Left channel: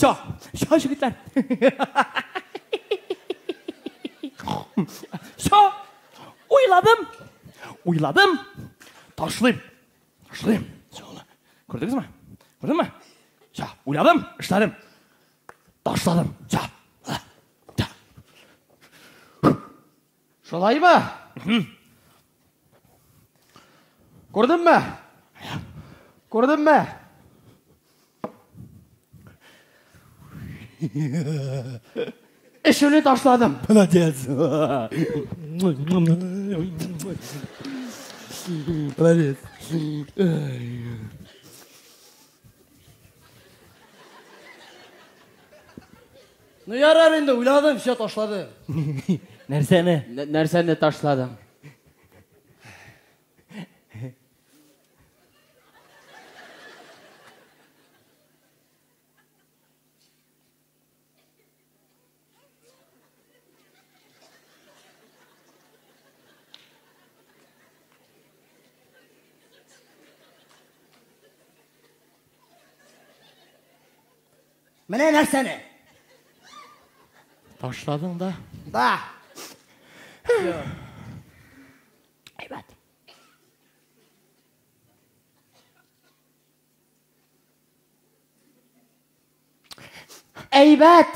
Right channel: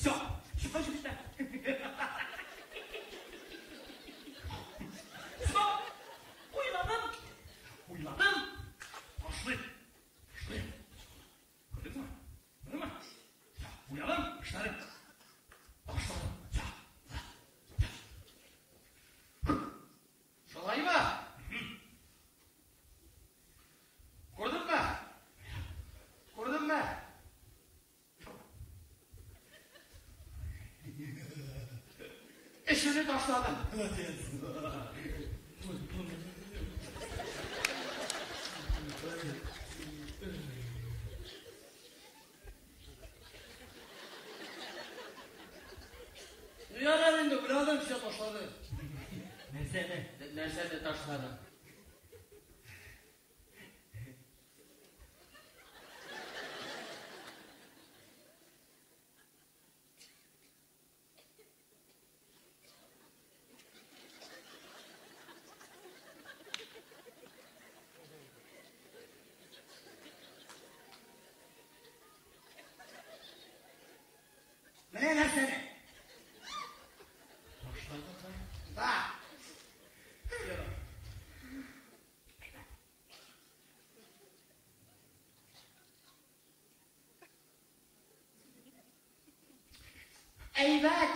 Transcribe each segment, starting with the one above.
Şo jigitler. Şo. Uyladım. Taşlayayım. Şöyle. Gördünüz mü? Gördün mü? Şo, uyladım, işledim. Taşladım. Şo. Şolay mı? Gördün mü? Gördün mü? Eşini taşladım. Молодец. Молодец. Ne yarar indi? Uyladım, bir şey taşladım. Nersene? Nerseni taşladım? Mene nerseni? Taşladın da. Da. Evet. Eybet.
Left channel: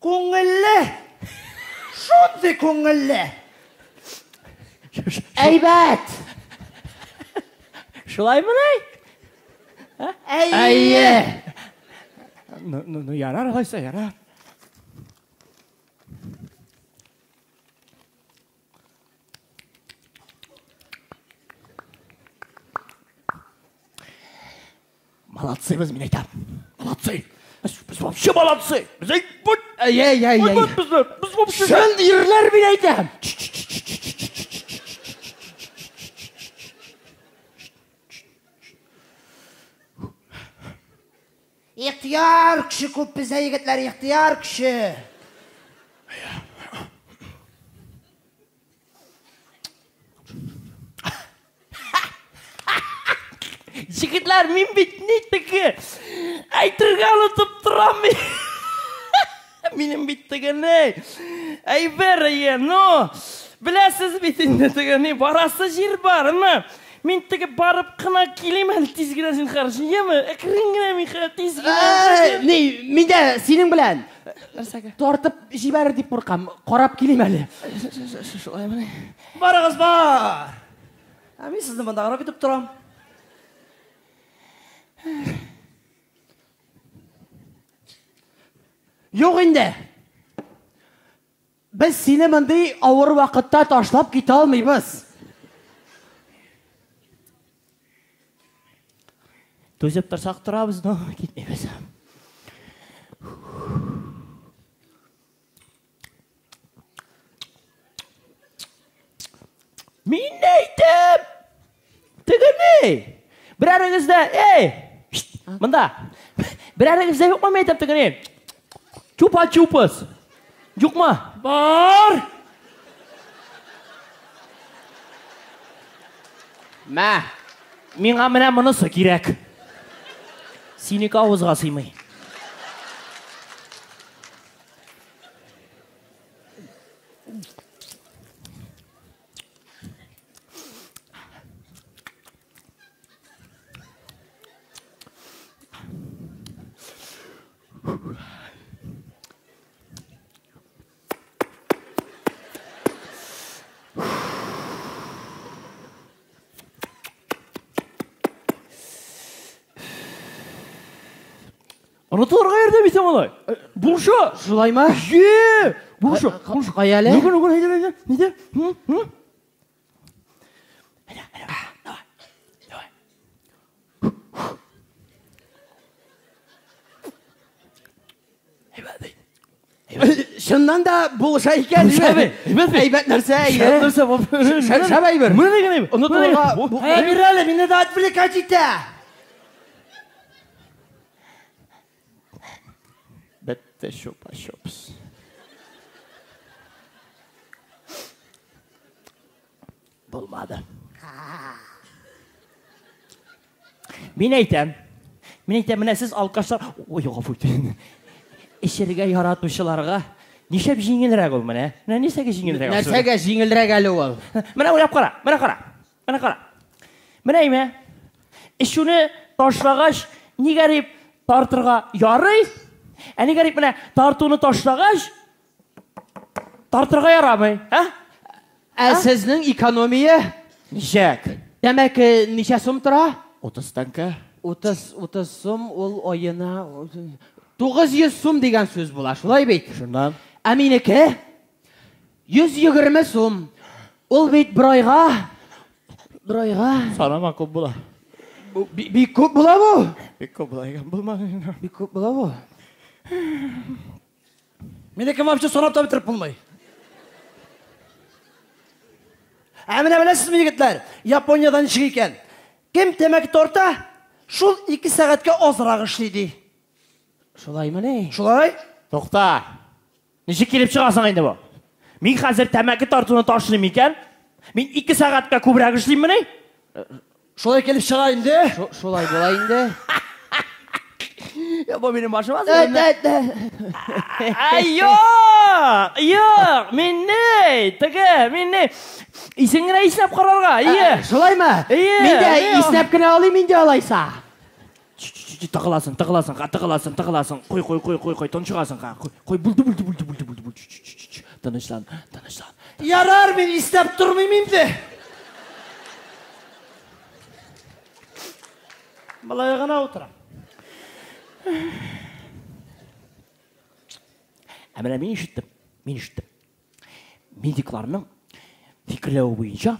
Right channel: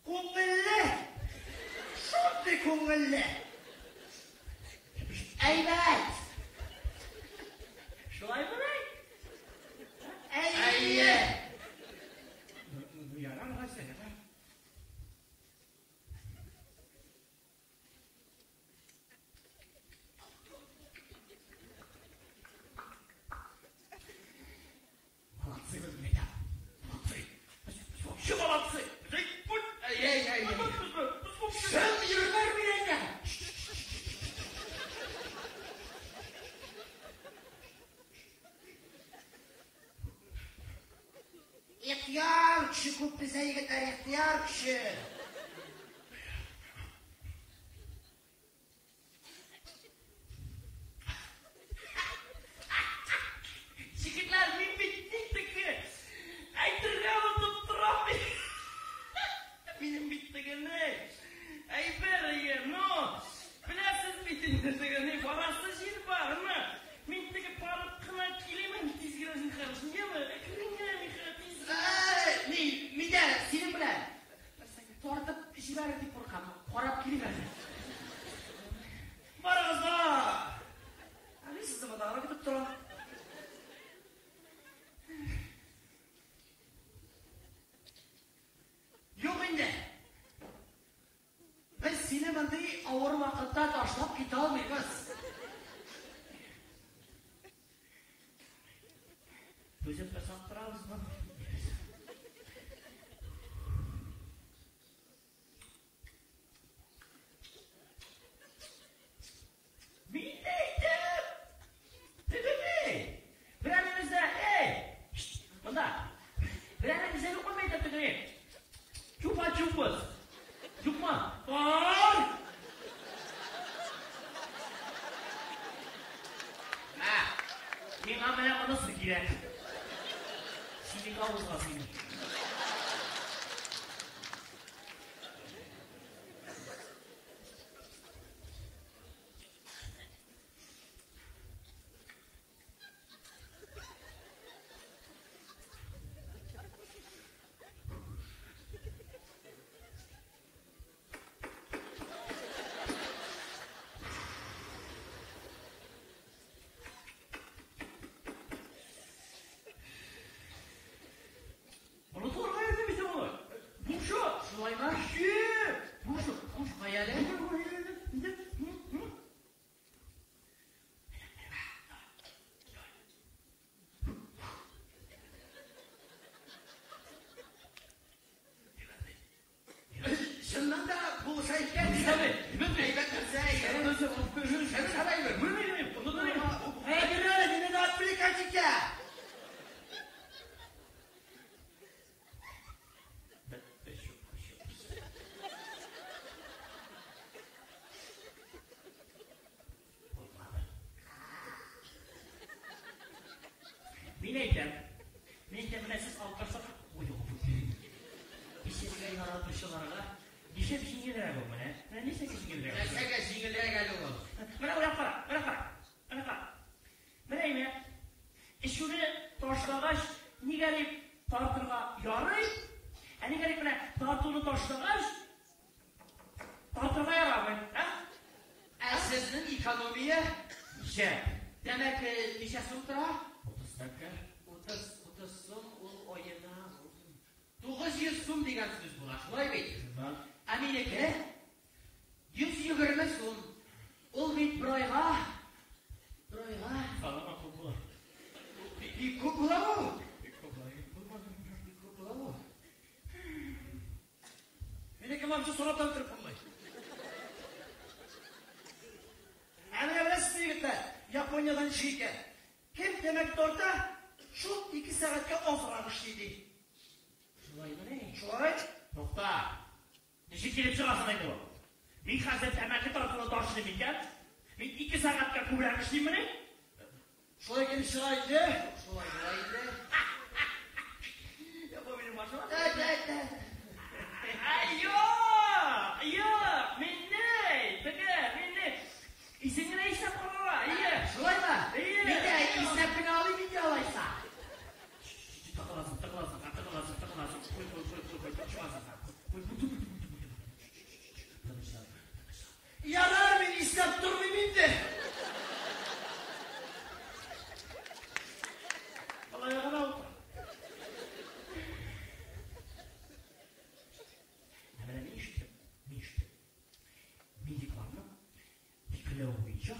Ko'ngilli. Şunday ko'ngilli. Eybet. Şulay mı ne? Eyye. Yarar haysa yarar. Молодцы, возьмите. Молодцы. Biz вообще молодцы. Biz вообще. Sen yerler bileydim. İhtiyar kişi ko'p bize yigitlar, ihtiyar kişi. Jigitlar, men bitnitdiki. Aytirgan unutib turaman. Mening bittigini. Ay beraya, no. Bilasiz bitnitdiki, barasiz yer bormi? Men tigi borib qina kelaman tezginasini qarashingami? Kiringina men tezgina. Ne, mende senin bilan tortib jibar deb qo'rqam. Qarab kelayim hali. Shulaymi? Borig'iz bor. Men sizni bunda qarab yetib turaman. Yo'q endi. Biz seni bunday og'ir vaqtda tashlab keta olmaymiz. To'sib tursak turamiz, no, ketmaymiz. Men aytdim. Tigini. Biraringizda, bunda. Biraringizda yo'qmi men aytib tigini? Chupa-chupas. Yo'qmi? Bor. Menga mana bunisi kerak. Seniki og'izga siymay. Onu to'g'ri qayerda bitam olay? Bu shu. Shulaymi? Bu shu. Qayali? Nugun, hayda. Nida? Shundan da bo'lsa ekan. Aybat narsa. Shabay bir. Mana degan. Uni to'g'ri. Berali, meni da отвлекайтите. Bitta sho'pa-sho'ps. Bo'lmadi. Мен айтам, міне сіз алқаштар... Ой, ғафу. Ішерге яратушыларға нешеп жеңілірек ол міне? Несеге жеңілірек? Нәрсеге жеңілірек әлі ол? Міне ойлап қара, міне қара. Міне еме, ішуні ташлағаш, не ғарип тартырға ярый? Әне ғарип міне тартуны ташлағаш, тартырға ярамай? Сіздің экономия? Нешек? Демек, неше сум тұра? 30 таңка. 30 сум ол ойына 900 сум деген сөз бола, шулай бейт. Шындан. Әминеке 120 сум. Ол бейт бір айға. Санама көп бола. Бик көп бола бұл? Бик көп бола екен, болма. Бик көп бола бұл? Менеке вообще сонап та бітіріп болмай. Әміне білесіз ме егітлер? Япониядан шығы екен. Кем темекі торта? Шул 2 сағатқа азырақ ішлейді. Шулай міне? Шулай? Тоқта. Неше келіп шығасың енді бұл? Мен қазір тәмәкі тартуны ташылым екен. Мен 2 сағатқа көбірек ішлейм міне? Шулай келіп шығайын де? Шулай болайын де? Бұл менің башым азыр. Йоқ, мен не? Мен не? Исіңгіне иснап қарарға, Шулай ма? Мен де иснап кіне алайын, мен де алайса. Тығыласың. Қой, тұншығасың. Қой, бұлды. Тынышлан. Ярар, мен иснап тұрмаймын де. Балай ғана отырам. Әміна мен ішіттім. Медикларының фикірлеуі бойынша,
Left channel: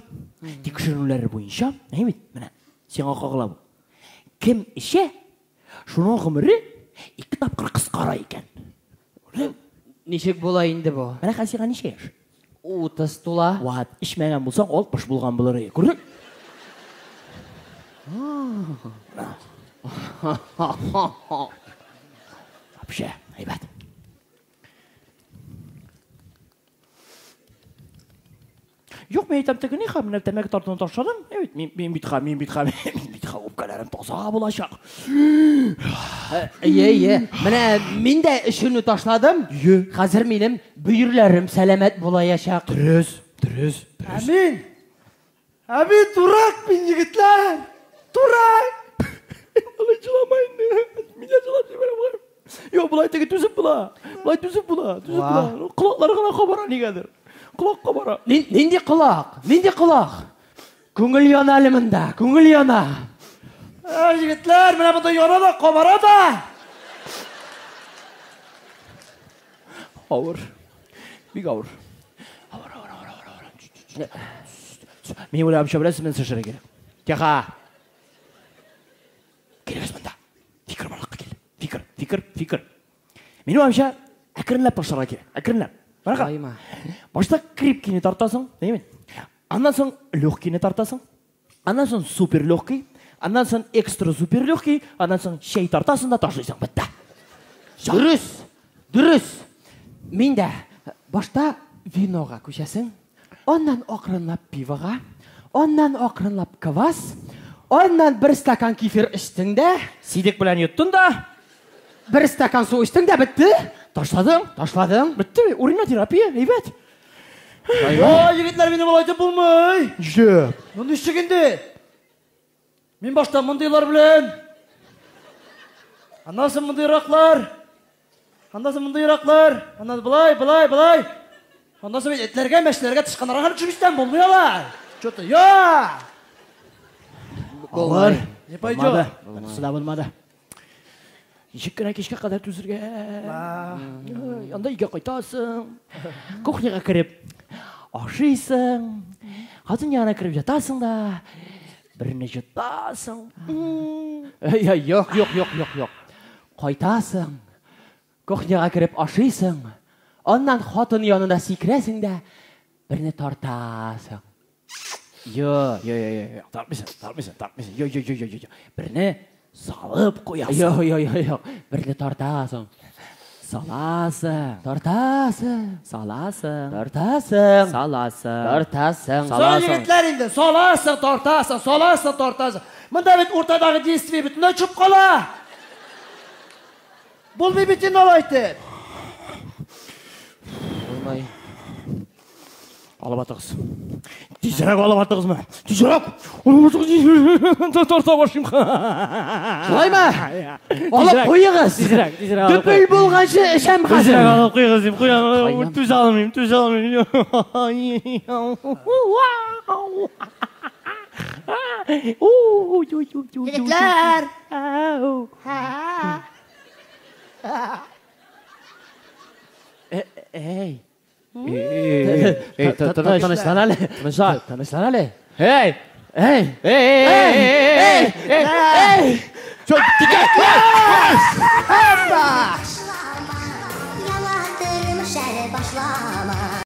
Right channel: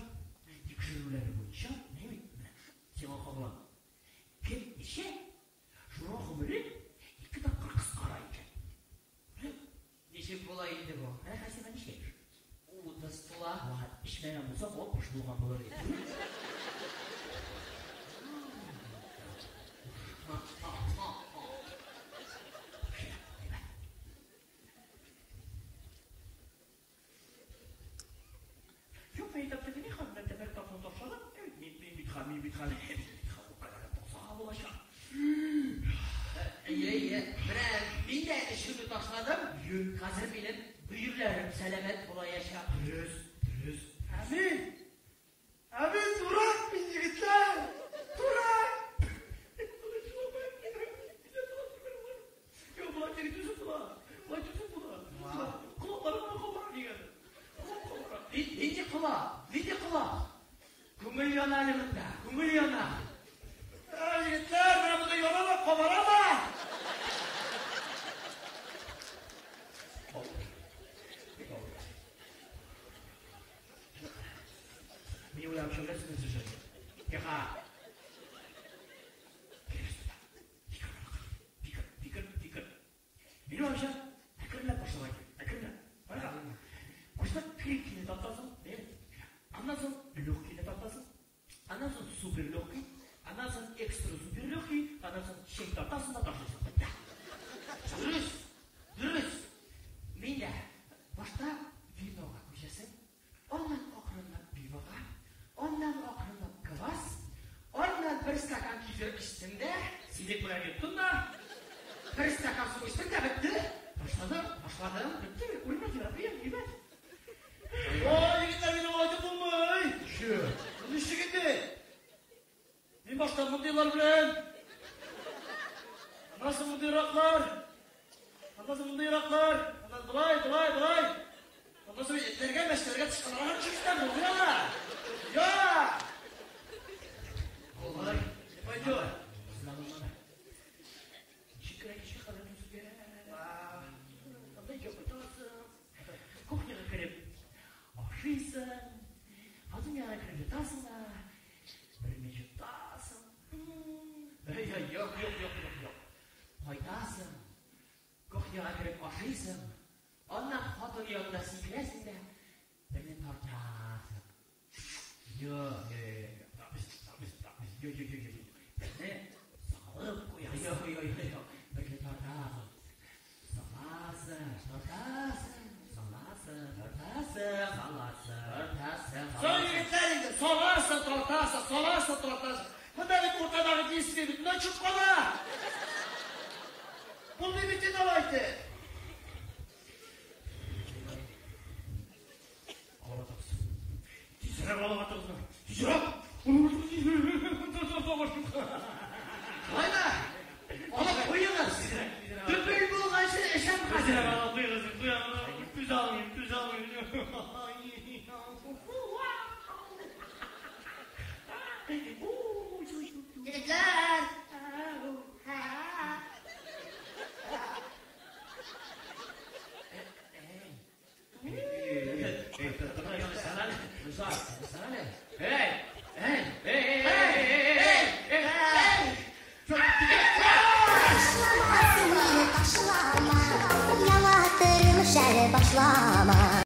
текшерулері бойынша, міне, сен қағылау. Кім іше, шының ғымыры 2 тапқыр қысқара екен. Нешек болайынды бұл? Міне қасиға неше еш? 30 тула. Уат, ішмәген болсаң, ол бұш болған бұлыры. Көрді? Вообще, айбат. Жоқ, мен айтам тегі не қа, мен тәмәкі тартуны ташадым. Мен бітқа, өпкәлерім тозаға болашақ. Міне, мен де үшіні ташладым. Қазір менің бүйірлерім сәлемет болаяшақ. Түріз. Әмин, тұрак мен егітлер. Тұрак. Алай жыламайын. Мен жылатып берем ғарым. Жоқ, бұлай тегі түзіп бұла. Құлақлары ғана қабара негедір. Құлақ қабара. Ненде құлақ? Көңіл яна әлімінде, көңіл яна. Егітлер, міне бұнда яна да, қабара да. Ауыр. Бик ауыр. Мен ойлап білесіз, мен сышыры келем. Теға. Келеміз мұнда. Фикір балаққа кел. Фикір. Мен ойлап әкірінләп башыға кел. Әкірінләп. Бараға. Башта крепкені тартасың, деймін. Андан соң легкені тартасың. Андан соң супер легкий. Андан соң экстра супер легкий. Андан соң шей тартасың да ташлайсың. Бітті. Дұрыс. Мен де башта виноға көшесің. Ondan ақырынлап пиваға. Ondan ақырынлап квас. Ondan 1 стакан кефир іштің де. Сидек білән еттің да. 1 стакан су іштің де, бітті. Ташладың. Бітті. Уринотерапия, әйбәт. Егітлер, мені болайды болмай. Жеп. Мұнды ішігінде. Мен башта мұндайлар білен. Андасын мұндайрақлар. Андан бұлай. Андан мен етлерге, мәшілерге тышқанарға жүрістен болмай ала. Что-то, Болмай. Не пойдет. Сыда болмады. Жеккені кешке қадар түзірге. Анда үйге қайтасың. Кухняға кіріп ашисың. Қатын яғына кіріп жатасың да. Біріне жұтасың. Yok. Қайтасың. Кухняға кіріп ашисың. Ondan xатын yanına секіресің де. Біріне тартасың. Тартмайсың. Біріне салып қоясың. Біріне тартасың. Саласың. Саласың. Сол егітлер енді, соласың, тартасың. Mında bit ortadagi действие бүтүндөй чып кала. Булбай битин алайтыр. Болмай. Алып атығыз. Тезірек алып атығыз ма? Тезірек! Алып атығыз. Торта башым. Шулай ма? Алып қойыңыз. Дүпіл болғанша ішем қазір. Тезірек алып қойыңыз дейм. Қойыңыз. Төз алмайым, төз алмайым. Жігітлер! Ey. Tanışlan Ali. Tanışlan Ali. Hey. Hey. Hey. Çok dikkat.